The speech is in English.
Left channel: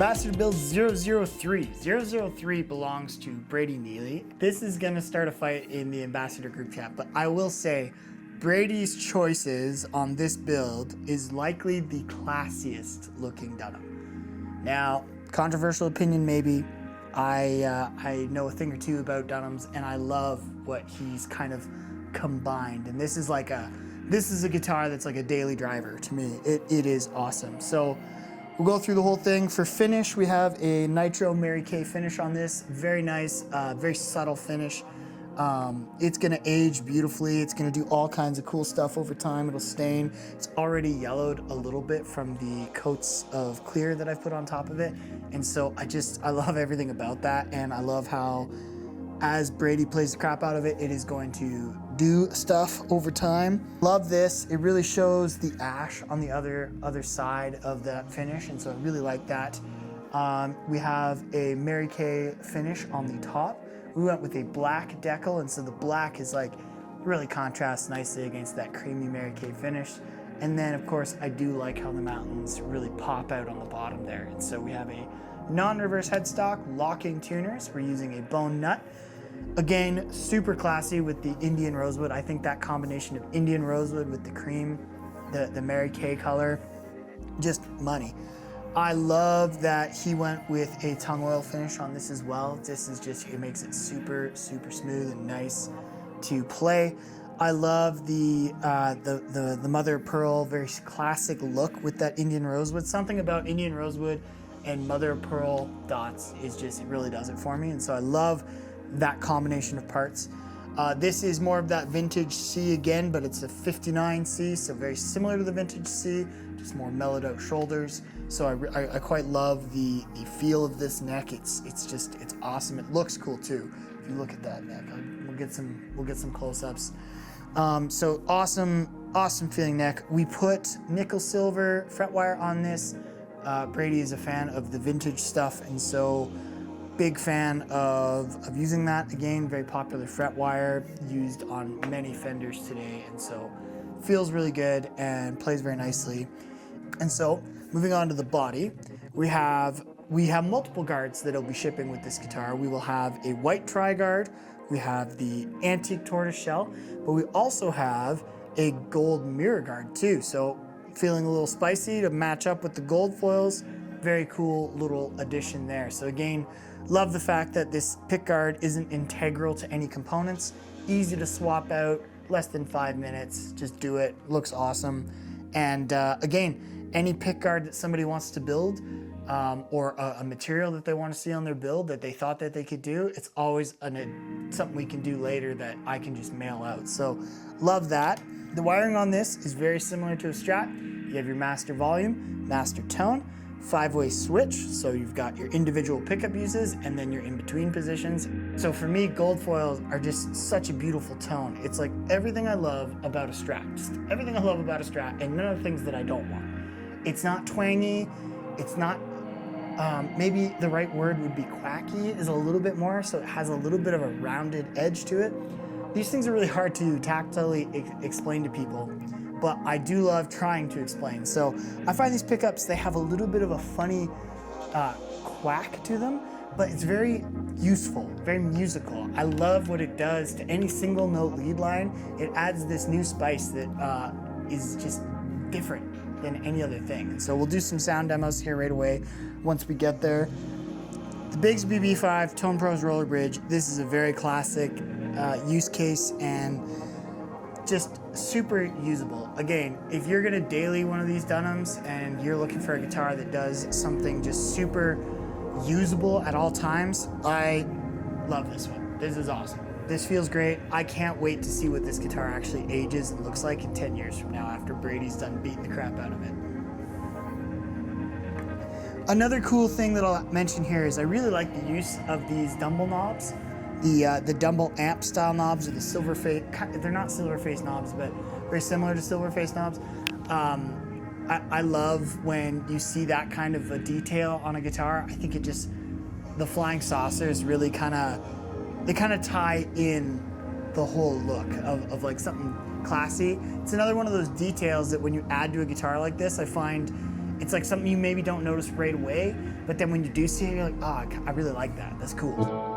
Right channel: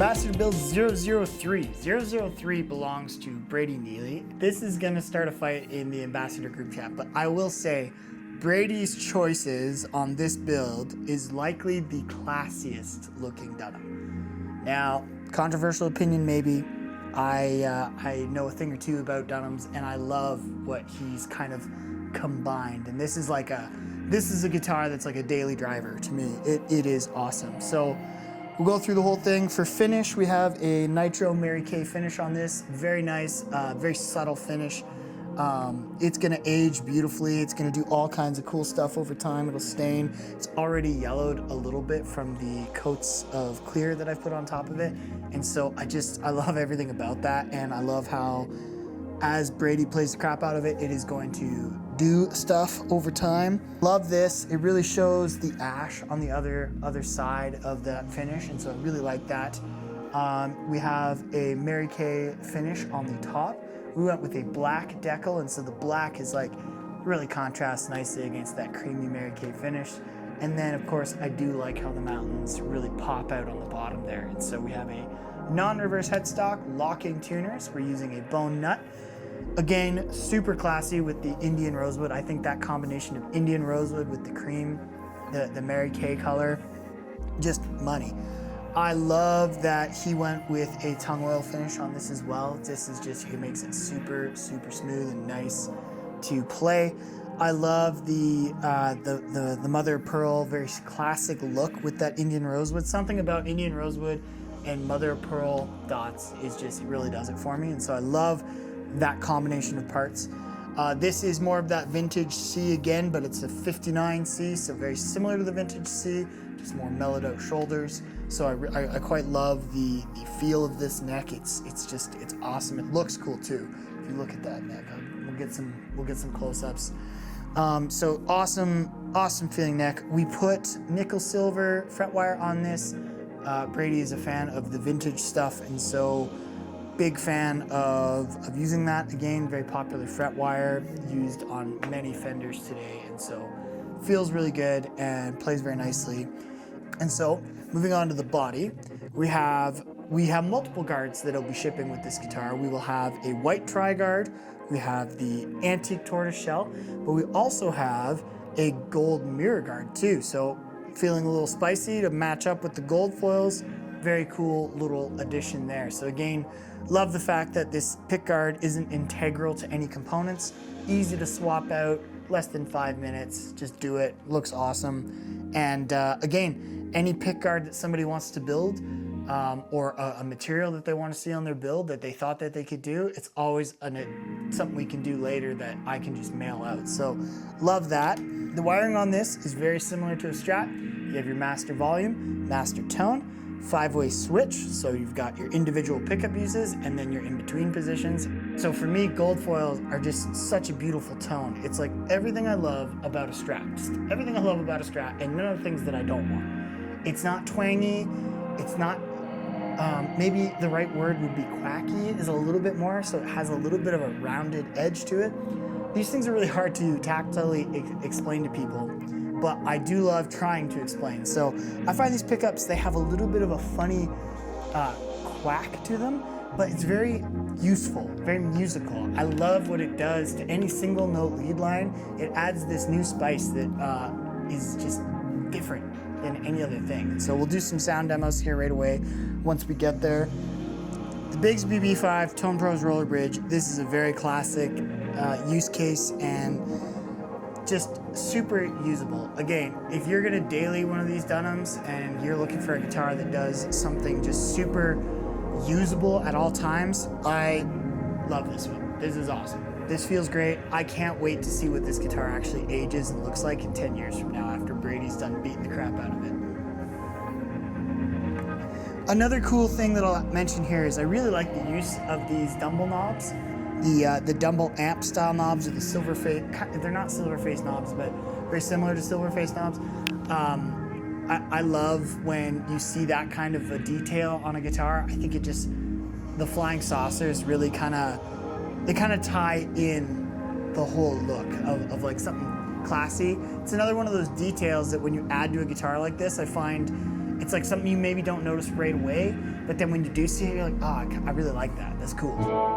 Ambassador build 003. 003 belongs to Brady Neely. This is gonna start a fight in the Ambassador group chat, but I will say Brady's choices on this build is likely the classiest looking Dunham. Now, controversial opinion maybe. I know a thing or two about Dunhams, and I love what he's kind of combined. And this is a guitar that's like a daily driver to me. It is awesome. So we'll go through the whole thing. For finish, we have a nitro Mary Kaye finish on this. Very nice, very subtle finish. It's gonna age beautifully. It's gonna do all kinds of cool stuff over time. It'll stain. It's already yellowed a little bit from the coats of clear that I've put on top of it. And so I love everything about that. And I love how, as Brady plays the crap out of it, it is going to do stuff over time. Love this. It really shows the ash on the other side of that finish. And so I really like that. We have a Mary Kaye finish on the top. We went with a black decal, and so the black is like really contrasts nicely against that creamy Mary Kaye finish. And then of course I do like how the mountains really pop out on the bottom there. And so we have a non-reverse headstock, locking tuners. We're using a bone nut. Again, super classy with the Indian rosewood. I think that combination of Indian rosewood with the cream, the Mary Kaye color, just money. I love that he went with a tung oil finish on this as well. This is just, it makes it super, super smooth and nice to play. I love the mother of pearl, very classic look with that Indian rosewood. Something about Indian rosewood and mother of pearl dots is just, it really does it for me. And so I love that combination of parts. This is more of that vintage C again, but it's a 59 C, so very similar to the vintage C, just more mellowed out shoulders. So I quite love the feel of this neck. It's awesome. It looks cool too. If you look at that neck, we'll get some close-ups. So awesome feeling neck. We put nickel silver fret wire on this. Brady is a fan of the vintage stuff, and so big fan of using that. Again, very popular fret wire used on many Fenders today, and so feels really good and plays very nicely. And so moving on to the body, we have multiple guards that will be shipping with this guitar. We will have a white tri-guard, we have the antique tortoise shell, but we also have a gold mirror guard too. So feeling a little spicy to match up with the gold foils. Very cool little addition there. So again, love the fact that this pick guard isn't integral to any components. Easy to swap out, less than 5 minutes, just do it, looks awesome. And again, any pick guard that somebody wants to build, or a material that they want to see on their build that they thought that they could do, it's always something we can do later that I can just mail out. So love that. The wiring on this is very similar to a Strat. You have your master volume, master tone, 5-way switch, so you've got your individual pickup uses and then your in-between positions. So for me, gold foils are just such a beautiful tone. It's like everything I love about a Strat, just everything I love about a Strat, and none of the things that I don't want. It's not twangy, it's not, maybe the right word would be quacky, is a little bit more, so it has a little bit of a rounded edge to it. These things are really hard to tactilely explain to people, but I do love trying to explain. So I find these pickups, they have a little bit of a funny quack to them, but it's very useful, very musical. I love what it does to any single note lead line. It adds this new spice that is just different than any other thing. So we'll do some sound demos here right away once we get there. The Bigsby B5 TonePros roller bridge. This is a very classic use case and just super usable. Again, if you're gonna daily one of these Dunhams and you're looking for a guitar that does something just super usable at all times, I love this one. This is awesome. This feels great. I can't wait to see what this guitar actually ages and looks like in 10 years from now after Brady's done beating the crap out of it. Another cool thing that I'll mention here is I really like the use of these Dumble knobs. The Dumble amp style knobs are the silver face, they're not silver face knobs, but very similar to silver face knobs. I love when you see that kind of a detail on a guitar. I think it just, the flying saucers really they kind of tie in the whole look of like something classy. It's another one of those details that when you add to a guitar like this, I find It's like something you maybe don't notice right away, but then when you do see it, you're like, oh, I really like that. That's cool.